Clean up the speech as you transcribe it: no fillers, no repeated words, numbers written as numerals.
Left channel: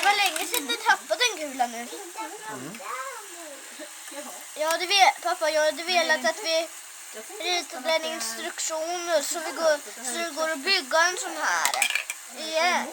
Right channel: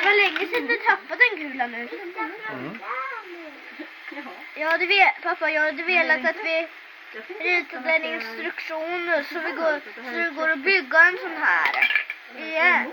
Det var länge sedan du tappade en kula nu. Pappa, jag hade velat att vi ritade en instruktion så det går att bygga en sån här igen.